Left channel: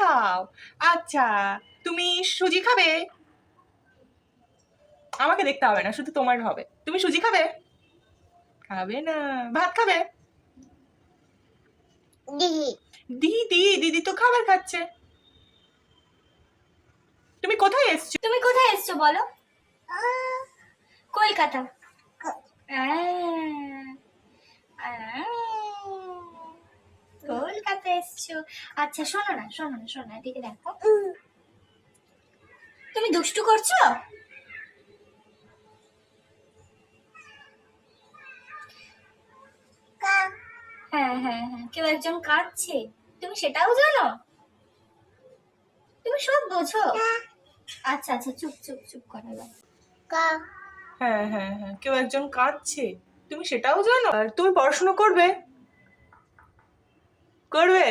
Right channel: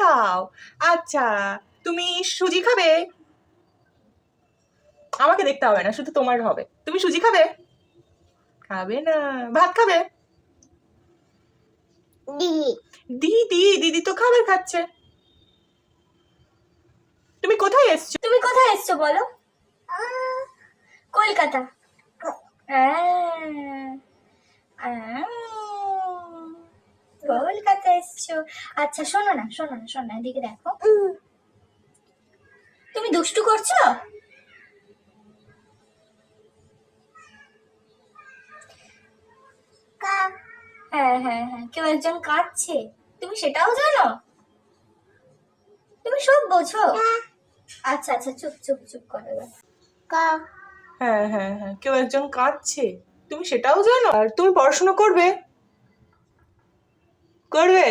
খাও। আচ্ছা, তুমি সুজি খাবে? আমাকে দেখতে হবে না, শুধু তোমার হবে। তুমি সুজি খাবে? খাবে না। ভাত খাবে? দিদি দিদি তো খাবার খাচ্ছে। তুমি কোথায় এসছো? তুমি কোথায় এসছো বলো? কলকাতা। কলকাতা এসছো। আচ্ছা শোনো না, শোনো না, শোনো না, এদিকে দেখো। তুমি দুষ্টু করছো? হ্যাঁ হ্যাঁ হ্যাঁ, কেউ একজন কাঁদছে, তুমি সেটাও জানো? তুমি সব বোঝো? আচ্ছা আচ্ছা, চুপ চুপ চুপ করো। হ্যাঁ হ্যাঁ হ্যাঁ, কেউ একজন কাঁদছে, তুমি সেটাও জানো? আর তুমি পড়াশোনা করবে? করবে?